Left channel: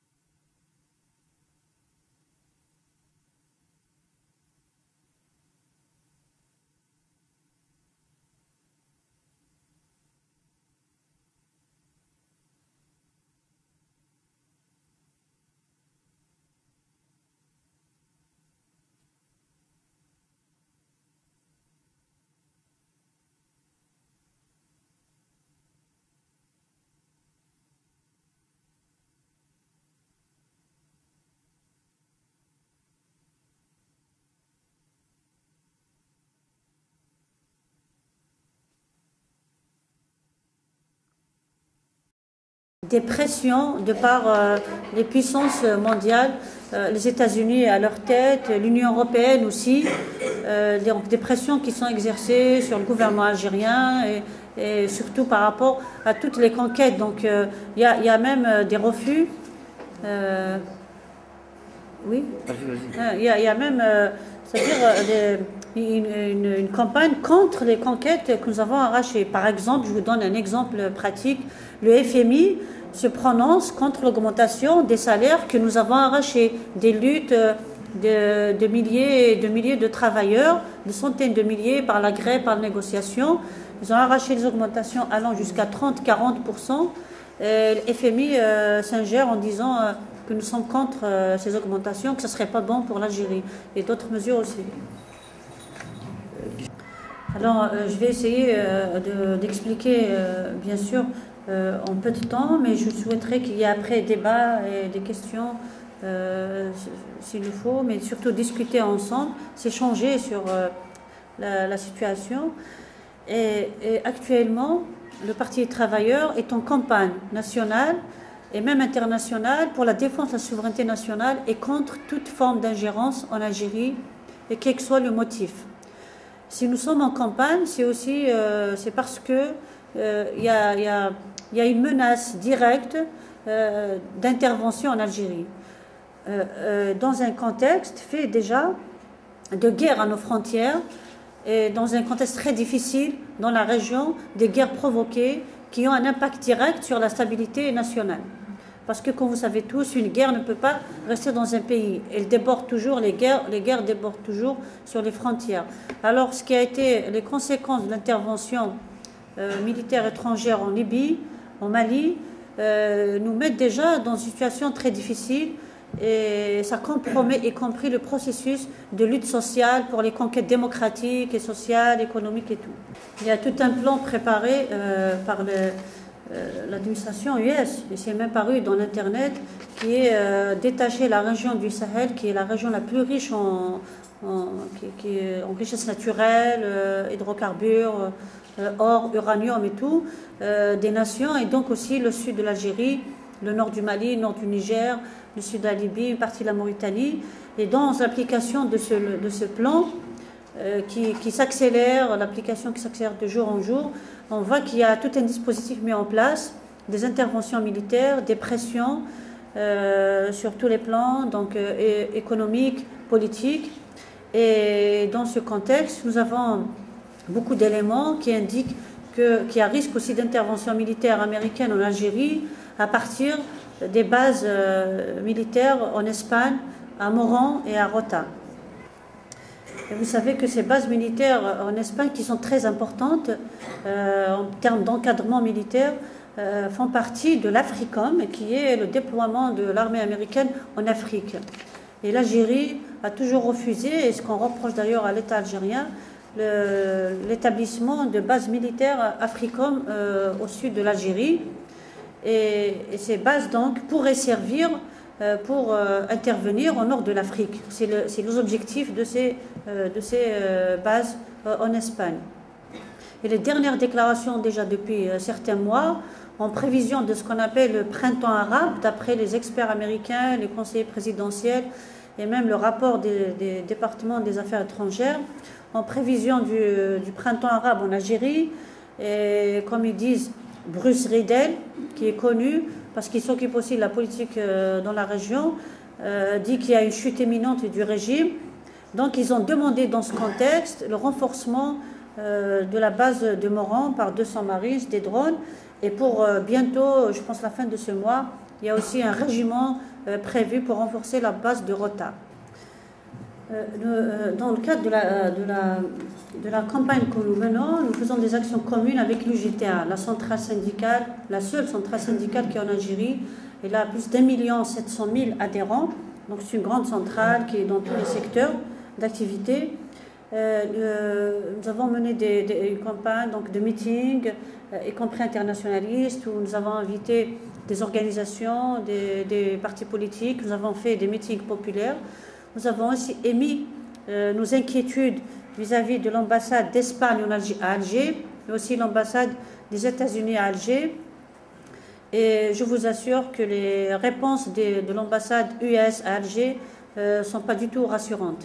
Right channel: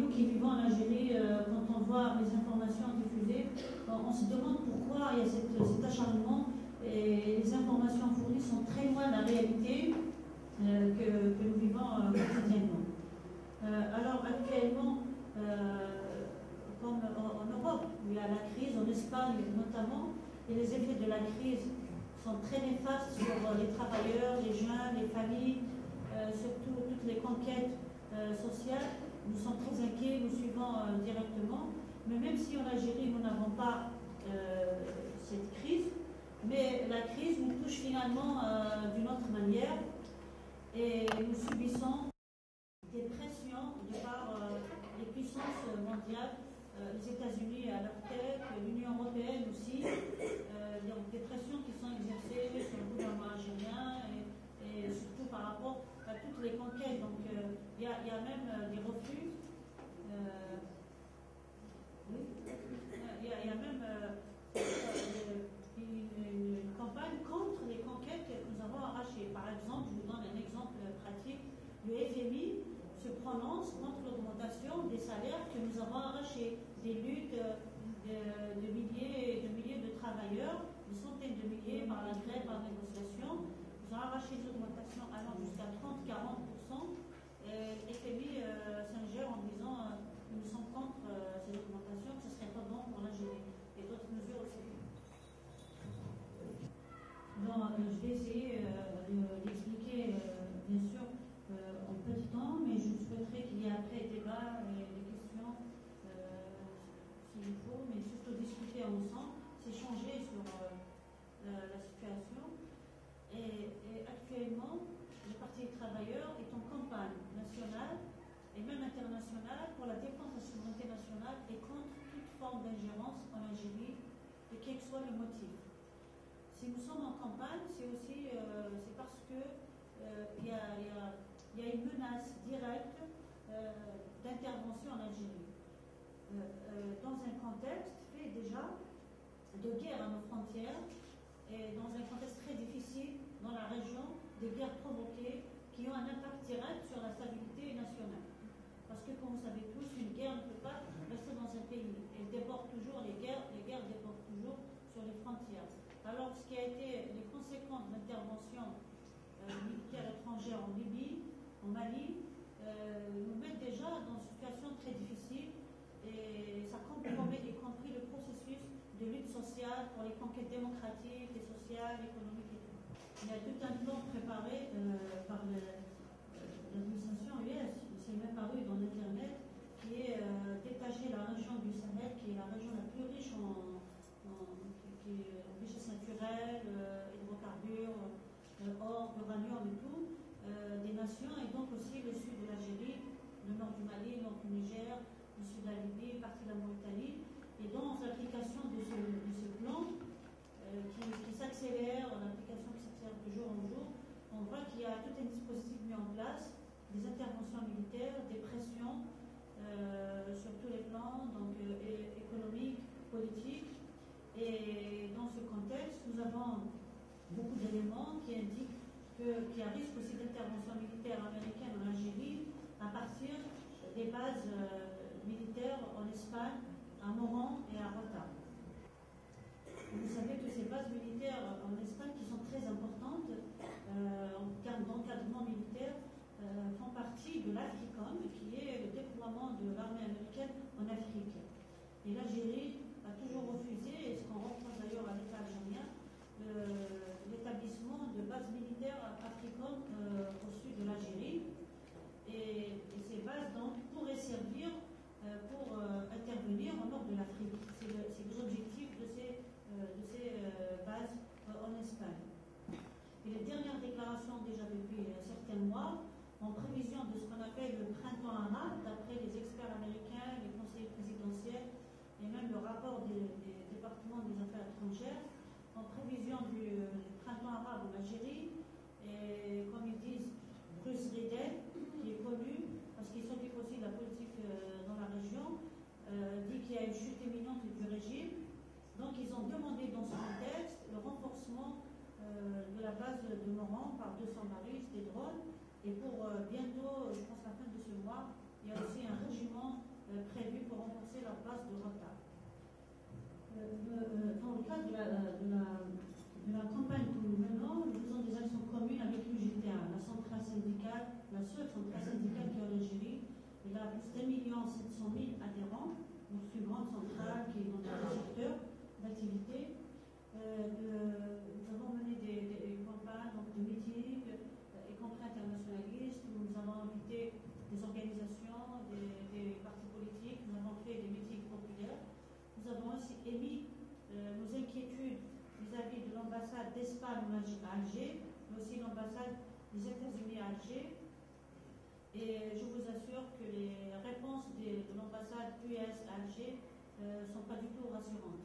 nous qui vivons en Algérie, quand on voit les informations diffusées, on se demande pourquoi il y a cet acharnement et les informations fournies sont très loin de la réalité que nous vivons quotidiennement. Alors actuellement, comme en Europe, il y a la crise, en Espagne notamment, et les effets de la crise sont très néfastes sur les travailleurs, les jeunes, les familles, surtout toutes les conquêtes sociales. Nous sommes très inquiets, nous suivons directement. Mais même si en Algérie, nous n'avons pas cette crise, mais la crise nous touche finalement d'une autre manière et nous subissons des pressions de par les puissances mondiales, les États-Unis à leur tête, l'Union européenne aussi, donc des pressions qui sont exercées sur le gouvernement algérien et surtout par rapport à toutes les conquêtes. Donc il y a même des refus. Oui. Il y a même, c'est-à-dire une campagne contre les conquêtes que nous avons arrachées. Par exemple, je vous donne un exemple pratique. Le FMI se prononce contre l'augmentation des salaires que nous avons arrachés, des luttes de milliers et de milliers de travailleurs, de centaines de milliers par la grève, par la négociation. Ils ont arraché les augmentations allant jusqu'à 30-40%. Le FMI s'ingère en disant que nous sommes contre ces augmentations, que ce ne serait pas bon pour l'Algérie, et d'autres mesures aussi. Alors, je vais essayer d'expliquer, bien sûr, en peu de temps, mais je souhaiterais qu'il y ait après débat et des questions, s'il le faut, mais surtout discuter ensemble, s'échanger sur la situation. Et actuellement, le Parti des travailleurs est en campagne nationale et même internationale pour la défense de la souveraineté nationale et contre toute forme d'ingérence en Algérie, et quel que soit le motif. Si nous sommes en campagne, c'est aussi c'est parce que il y a une menace directe d'intervention en Algérie, dans un contexte fait déjà de guerre à nos frontières et dans un contexte très difficile dans la région, des guerres provoquées qui ont un impact direct sur la stabilité nationale. Parce que, comme vous savez tous, une guerre ne peut pas rester dans un pays. Elle déborde toujours, les guerres débordent toujours sur les frontières. Alors, ce qui a été les conséquences de l'intervention militaire étrangère en Libye, en Mali, nous mettent déjà dans une situation très difficile et ça compromet y compris le processus de lutte sociale pour les conquêtes démocratiques et sociales, économiques et tout. Il y a tout un plan préparé par l'administration US, et c'est même paru dans l'Internet, qui est détacher la région du Sahel, qui est la région la plus riche en richesses naturelles, hydrocarbures, or, uranium et tout, des nations, et donc aussi le sud de l'Algérie, le nord du Mali, le nord du Niger, le sud de la Libye, une partie de la Mauritanie. Et dans l'application de ce plan, qui s'accélère, l'application qui s'accélère de jour en jour, on voit qu'il y a tout un dispositif mis en place, des interventions militaires, des pressions sur tous les plans, donc économiques, politiques. Et dans ce contexte, nous avons beaucoup d'éléments qui indiquent qu'il y a risque aussi d'intervention militaire américaine en Algérie à partir des bases militaires en Espagne, à Moran et à Rota. Et vous savez que ces bases militaires en Espagne, qui sont très importantes en termes d'encadrement militaire, font partie de l'Africom, qui est le déploiement de l'armée américaine en Afrique. Et l'Algérie a toujours refusé, et ce qu'on reproche d'ailleurs à l'État algérien, l'établissement de bases militaires Africom au sud de l'Algérie. Et ces bases donc pourraient servir pour intervenir au nord de l'Afrique. C'est les objectifs de ces bases en Espagne. Et les dernières déclarations déjà depuis certains mois, en prévision de ce qu'on appelle le printemps arabe, d'après les experts américains, les conseillers présidentiels et même le rapport des départements des affaires étrangères, en prévision du printemps arabe en Algérie, et comme ils disent, Bruce Riedel, qui est connu parce qu'il s'occupe aussi de la politique dans la région, dit qu'il y a une chute imminente du régime. Donc ils ont demandé dans ce contexte le renforcement de la base de Moran par 200 Marines, des drones, et pour bientôt, je pense la fin de ce mois, Il y a aussi un régiment prévu pour renforcer la base de Rota. Dans le cadre de la campagne que nous menons, nous faisons des actions communes avec l'UGTA, la centrale syndicale, la seule centrale syndicale qui est en Algérie. Elle a plus d'1,7 million adhérents. Donc c'est une grande centrale qui est dans tous les secteurs d'activité. Nous avons mené des campagnes donc de meetings, y compris internationalistes, où nous avons invité des organisations, des partis politiques. Nous avons fait des meetings populaires. Nous avons aussi émis nos inquiétudes vis-à-vis de l'ambassade d'Espagne à Alger, mais aussi l'ambassade des États-Unis à Alger. Et je vous assure que les réponses de l'ambassade US à Alger ne sont pas du tout rassurantes.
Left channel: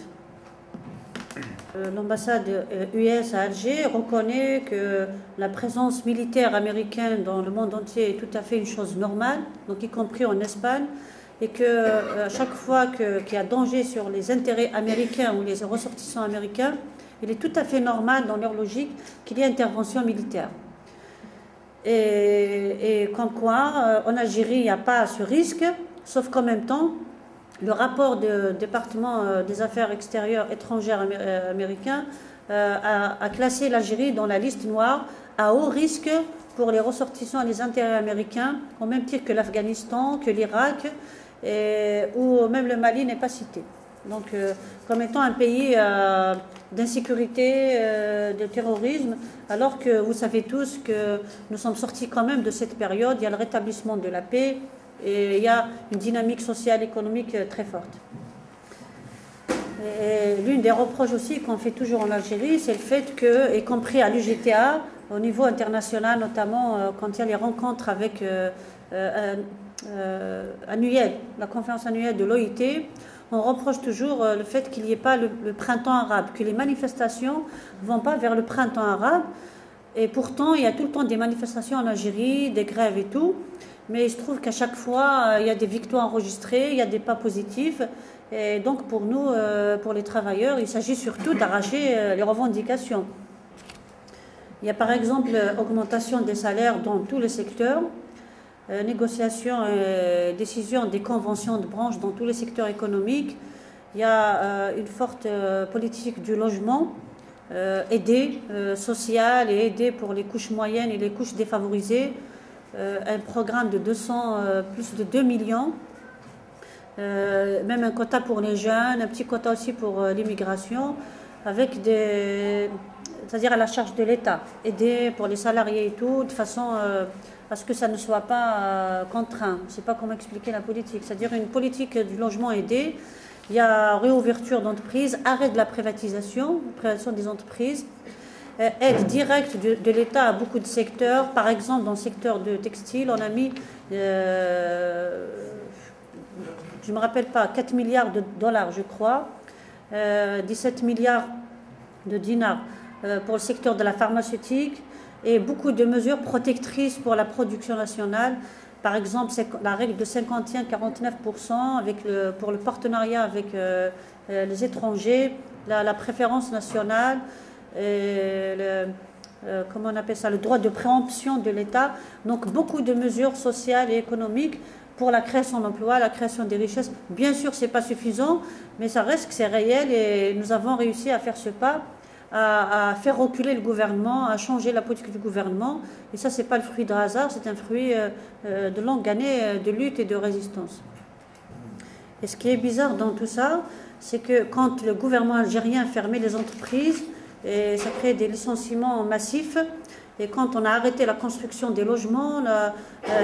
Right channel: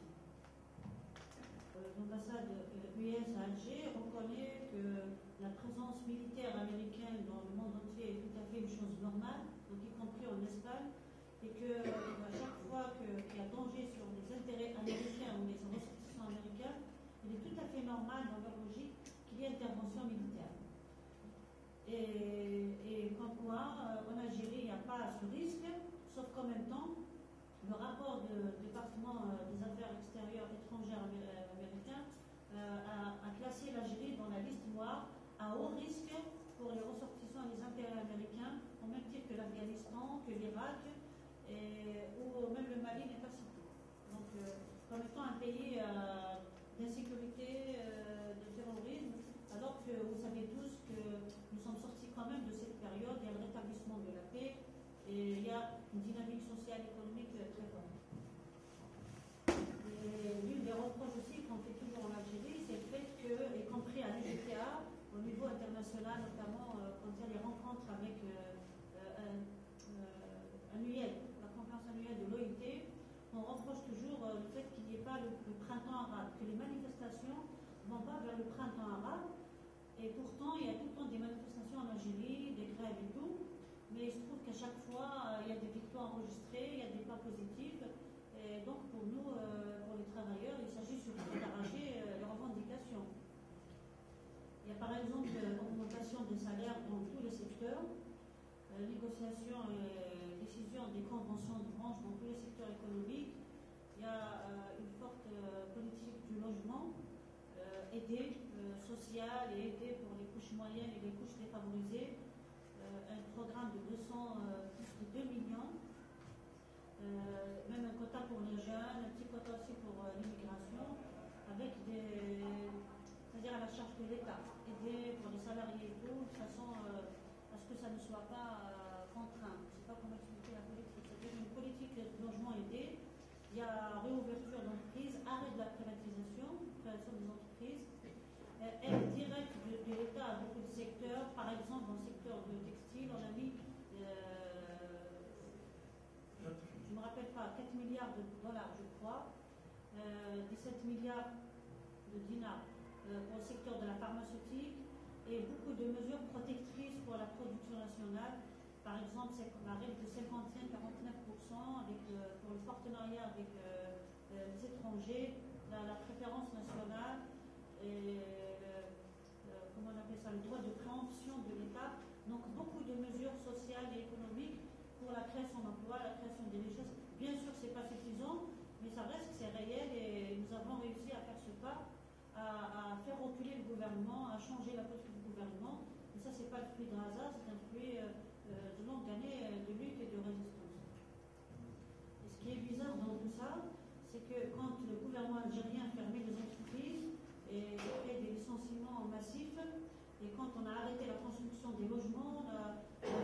L'ambassade US à Alger reconnaît que la présence militaire américaine dans le monde entier est tout à fait une chose normale, donc y compris en Espagne, et qu'à chaque fois qu'il y a danger sur les intérêts américains ou les ressortissants américains, il est tout à fait normal dans leur logique qu'il y ait intervention militaire. Et comme quoi, en Algérie, il n'y a pas ce risque, sauf qu'en même temps, le rapport du département des affaires extérieures étrangères américain a classé l'Algérie dans la liste noire à haut risque pour les ressortissants et les intérêts américains, au même titre que l'Afghanistan, que l'Irak, où même le Mali n'est pas cité. Donc, comme étant un pays d'insécurité, de terrorisme, alors que vous savez tous que nous sommes sortis quand même de cette période, il y a le rétablissement de la paix et il y a une dynamique sociale, économique très forte. L'une des reproches aussi qu'on fait toujours en Algérie, c'est le fait que, y compris à l'UGTA, au niveau international, notamment quand il y a les rencontres avec annuelles, la conférence annuelle de l'OIT, on reproche toujours le fait qu'il n'y ait pas le printemps arabe, que les manifestations ne vont pas vers le printemps arabe. Et pourtant, il y a tout le temps des manifestations en Algérie, des grèves et tout. Mais il se trouve qu'à chaque fois, il y a des victoires enregistrées, il y a des pas positifs. Et donc, pour nous, pour les travailleurs, il s'agit surtout d'arracher les revendications. Il y a par exemple augmentation des salaires dans tous les secteurs, négociation et décision des conventions de branche dans tous les secteurs économiques. Il y a une forte politique du logement, aidé social et aidé pour les couches moyennes et les couches défavorisées. Un programme de plus de 2 millions, même un quota pour les jeunes, un petit quota aussi pour l'immigration, avec c'est-à-dire à la charge de l'État, aider pour les salariés et tout, de façon à ce que ça ne soit pas contraint. Je ne sais pas comment expliquer la politique, c'est-à-dire une politique du logement aidé. Il y a réouverture d'entreprises, arrêt de la privatisation des entreprises, aide directe de l'État à beaucoup de secteurs. Par exemple, dans le secteur de textile, on a mis, je ne me rappelle pas, 4 milliards de dollars, je crois, 17 milliards de dinars pour le secteur de la pharmaceutique et beaucoup de mesures protectrices pour la production nationale. Par exemple, c'est la règle de 51-49% pour le partenariat avec les étrangers, la préférence nationale, comment on appelle ça, le droit de préemption de l'État. Donc beaucoup de mesures sociales et économiques pour la création d'emplois, la création des richesses. Bien sûr, ce n'est pas suffisant, mais ça reste que c'est réel et nous avons réussi à faire ce pas, à faire reculer le gouvernement, à changer la politique du gouvernement. Et ça, ce n'est pas le fruit de hasard, c'est un fruit de longues années de lutte et de résistance. Et ce qui est bizarre dans tout ça, c'est que quand le gouvernement algérien fermait les entreprises, et ça crée des licenciements massifs, et quand on a arrêté la construction des logements,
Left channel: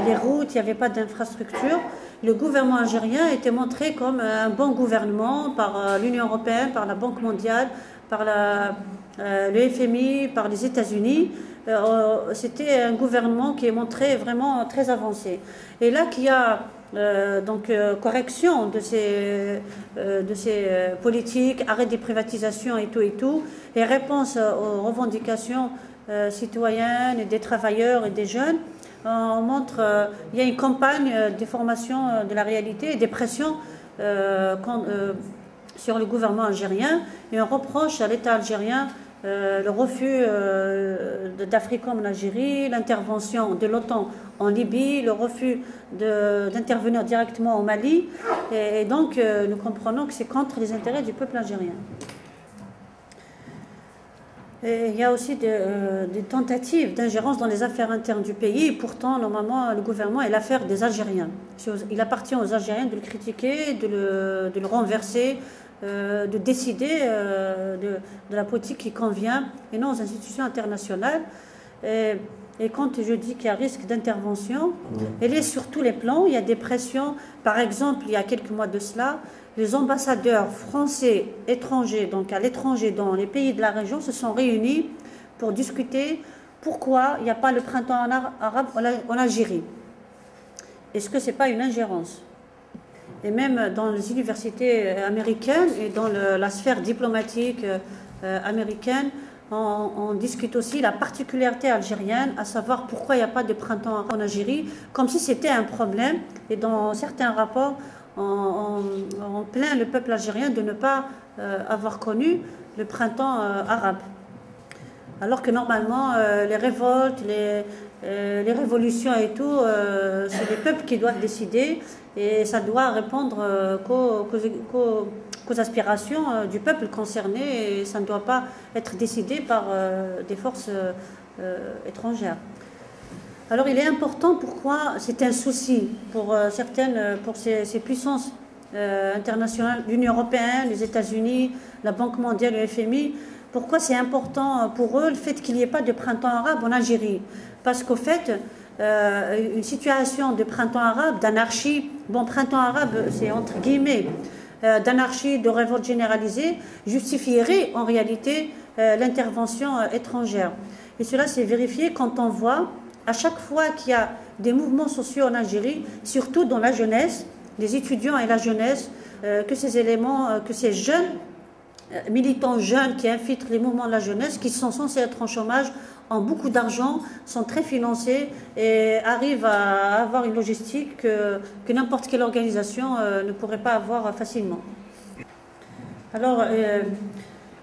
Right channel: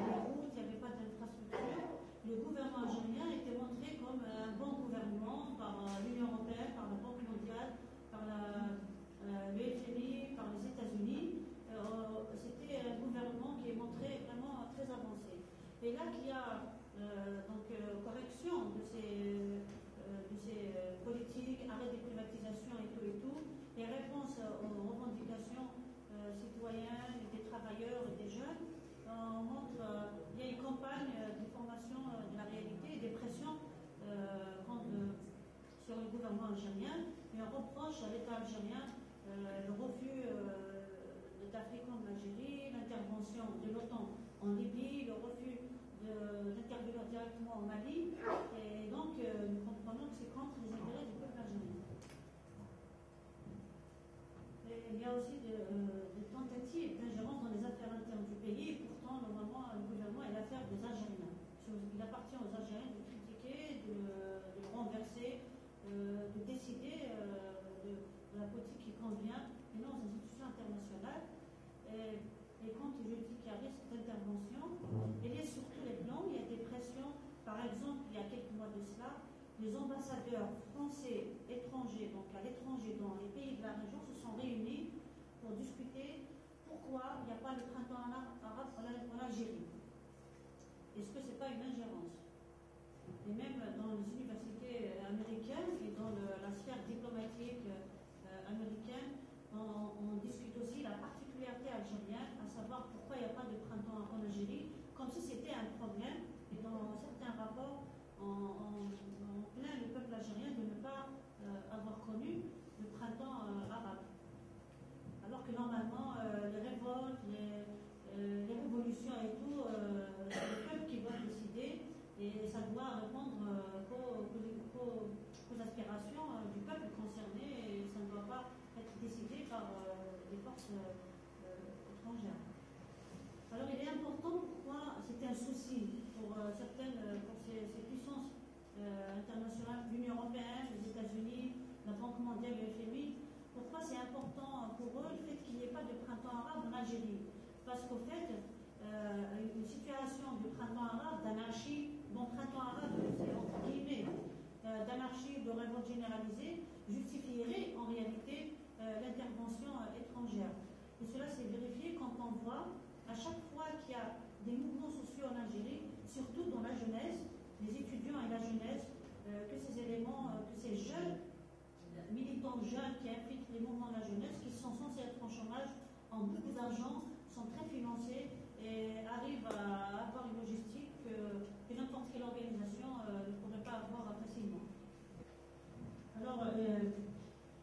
les routes, il n'y avait pas d'infrastructure, le gouvernement algérien était montré comme un bon gouvernement par l'Union européenne, par la Banque mondiale, par le FMI, par les États-Unis. C'était un gouvernement qui est montré vraiment très avancé. Et là qu'il y a correction de ces politiques, arrêt des privatisations et tout, et réponse aux revendications citoyennes et des travailleurs et des jeunes, on montre il y a une campagne de formation de la réalité et des pressions sur le gouvernement algérien, et on reproche à l'État algérien le refus d'Africom en Algérie, l'intervention de l'OTAN en Libye, le refus d'intervenir directement au Mali. Et donc, nous comprenons que c'est contre les intérêts du peuple algérien. Et il y a aussi des tentatives d'ingérence dans les affaires internes du pays. Et pourtant, normalement, le gouvernement est l'affaire des Algériens. Il appartient aux Algériens de le critiquer, de le renverser, de décider de la politique qui convient, et non aux institutions internationales. Et quand je dis qu'il y a risque d'intervention, elle est sur tous les plans. Il y a des pressions. Par exemple, il y a quelques mois de cela, les ambassadeurs français, étrangers, donc à l'étranger, dans les pays de la région, se sont réunis pour discuter pourquoi il n'y a pas le printemps arabe en Algérie. Est-ce que ce n'est pas une ingérence? Et même dans les universités américaines et dans la sphère diplomatique américaine, on discute aussi la particularité algérienne, à savoir pourquoi il n'y a pas de printemps arabe en Algérie, comme si c'était un problème. Et dans certains rapports, on plaint le peuple algérien de ne pas avoir connu le printemps arabe. Alors que normalement, les révoltes, les révolutions et tout, c'est les peuples qui doivent décider, et ça doit répondre qu'aux aspirations du peuple concerné, et ça ne doit pas être décidé par des forces étrangères. Alors il est important, pourquoi c'est un souci pour ces puissances internationales, l'Union européenne, les États-Unis, la Banque mondiale, le FMI, pourquoi c'est important pour eux le fait qu'il n'y ait pas de printemps arabe en Algérie? Parce qu'au fait, une situation de printemps arabe, d'anarchie, bon, printemps arabe, c'est entre guillemets, d'anarchie, de révolte généralisée, justifierait en réalité l'intervention étrangère. Et cela s'est vérifié quand on voit, à chaque fois qu'il y a des mouvements sociaux en Algérie, surtout dans la jeunesse, les étudiants et la jeunesse, que ces éléments, que ces jeunes, militants jeunes qui infiltrent les mouvements de la jeunesse, qui sont censés être en chômage, ont beaucoup d'argent, sont très financés et arrivent à avoir une logistique que n'importe quelle organisation ne pourrait pas avoir facilement. Alors,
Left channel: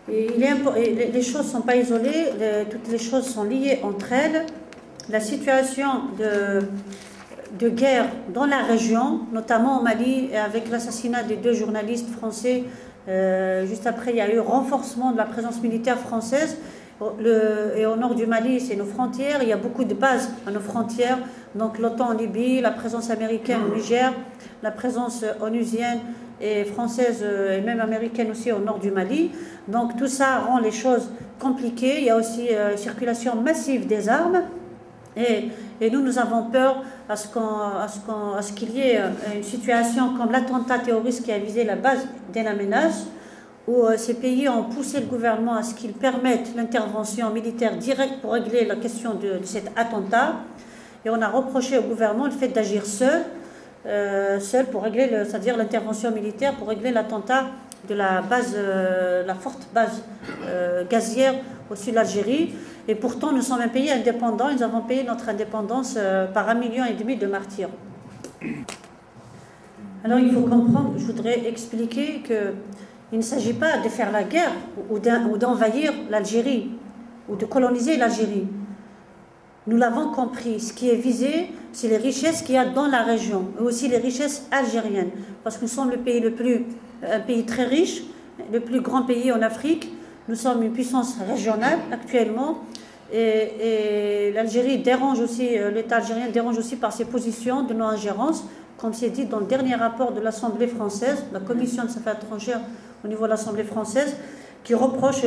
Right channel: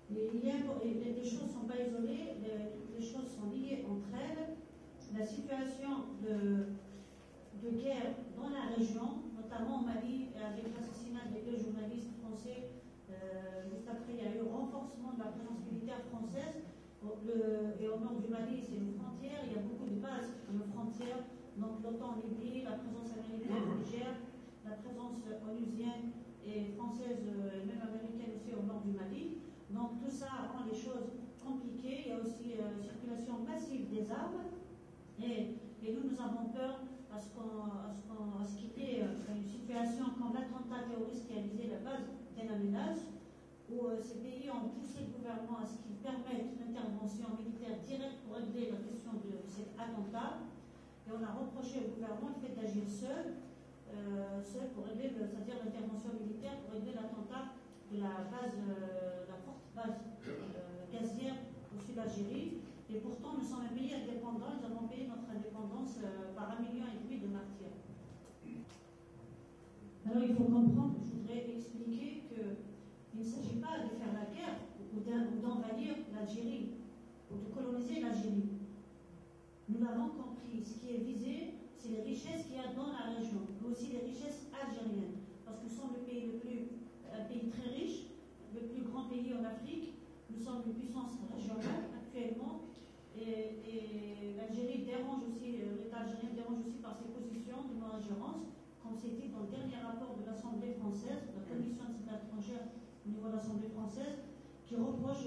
les choses ne sont pas isolées, toutes les choses sont liées entre elles. La situation de guerre dans la région, notamment au Mali, avec l'assassinat des 2 journalistes français, juste après, il y a eu renforcement de la présence militaire française. Et au nord du Mali, c'est nos frontières. Il y a beaucoup de bases à nos frontières. Donc l'OTAN en Libye, la présence américaine au Niger, la présence onusienne et française et même américaine aussi au nord du Mali. Donc tout ça rend les choses compliquées. Il y a aussi circulation massive des armes. Et nous avons peur à ce qu'il y ait une situation comme l'attentat terroriste qui a visé la base d'El Amenas, où ces pays ont poussé le gouvernement à ce qu'il permette l'intervention militaire directe pour régler la question de cet attentat. Et on a reproché au gouvernement le fait d'agir seul pour régler, c'est-à-dire l'intervention militaire pour régler l'attentat de la forte base gazière au sud de l'Algérie. Et pourtant, nous sommes un pays indépendant. Nous avons payé notre indépendance par 1,5 million de martyrs. Alors, il faut comprendre, je voudrais expliquer qu'il ne s'agit pas de faire la guerre ou d'envahir l'Algérie ou de coloniser l'Algérie. Nous l'avons compris. Ce qui est visé, c'est les richesses qu'il y a dans la région, mais aussi les richesses algériennes. Parce que nous sommes un pays très riche, le plus grand pays en Afrique. Nous sommes une puissance régionale actuellement. Et l'Algérie dérange aussi, l'État algérien dérange aussi par ses positions de non-ingérence, comme c'est dit dans le dernier rapport de l'Assemblée française, la Commission des affaires étrangères au niveau de l'Assemblée française, qui reproche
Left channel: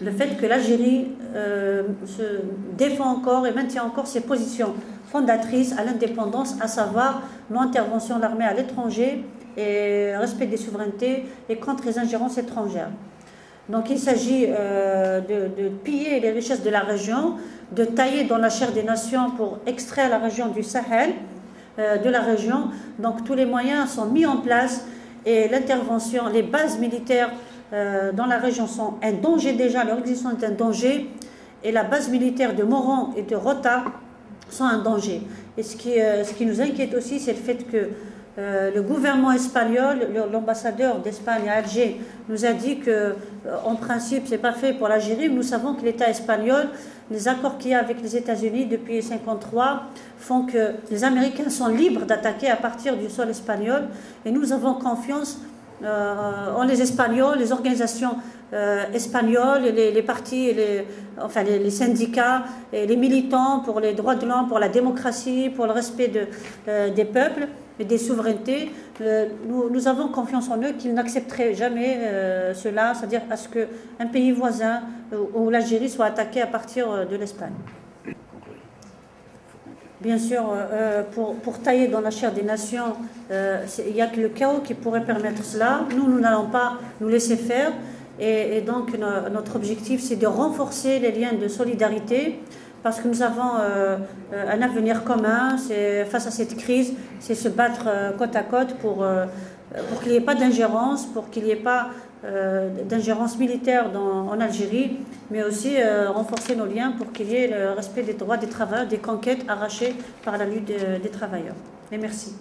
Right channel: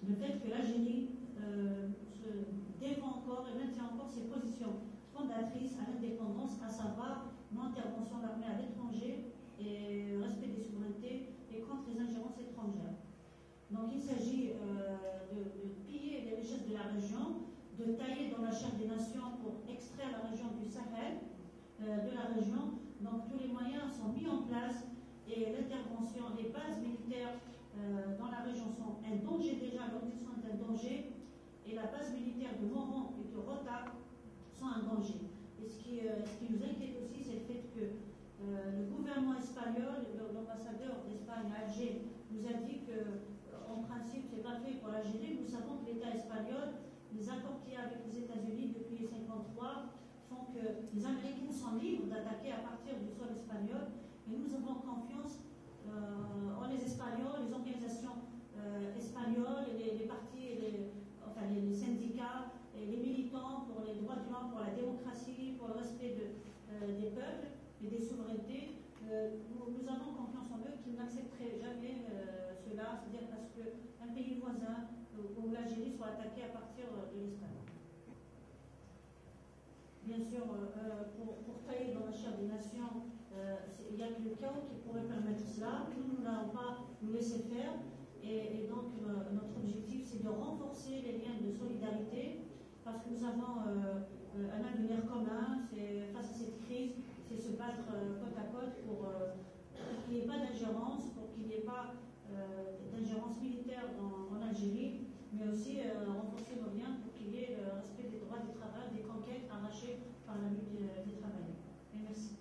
le fait que l'Algérie se défend encore et maintient encore ses positions fondatrices à l'indépendance, à savoir non-intervention de l'armée à l'étranger et respect des souverainetés et contre les ingérences étrangères. Donc il s'agit de piller les richesses de la région, de tailler dans la chair des nations pour extraire la région du Sahel, de la région. Donc tous les moyens sont mis en place et l'intervention, les bases militaires dans la région sont un danger déjà, leur existence est un danger, et la base militaire de Moran et de Rota sont un danger. Et ce qui nous inquiète aussi, c'est le fait que le gouvernement espagnol, l'ambassadeur d'Espagne à Alger, nous a dit qu'en principe, ce n'est pas fait pour l'Algérie. Nous savons que l'État espagnol, les accords qu'il y a avec les États-Unis depuis 1953 font que les Américains sont libres d'attaquer à partir du sol espagnol. Et nous avons confiance en les Espagnols, les organisations espagnoles, les partis, les syndicats, et les militants pour les droits de l'homme, pour la démocratie, pour le respect des peuples et des souverainetés. Nous avons confiance en eux qu'ils n'accepteraient jamais cela, c'est-à-dire à ce qu'un pays voisin ou l'Algérie soit attaqué à partir de l'Espagne. Bien sûr, pour tailler dans la chair des nations, il n'y a que le chaos qui pourrait permettre cela. Nous n'allons pas nous laisser faire. Et donc, notre objectif, c'est de renforcer les liens de solidarité parce que nous avons un avenir commun. Face à cette crise, c'est se battre côte à côte pour qu'il n'y ait pas d'ingérence, pour qu'il n'y ait pas d'ingérence militaire en Algérie, mais aussi renforcer nos liens pour qu'il y ait le respect des droits des travailleurs, des conquêtes arrachées par la lutte des travailleurs. Et merci.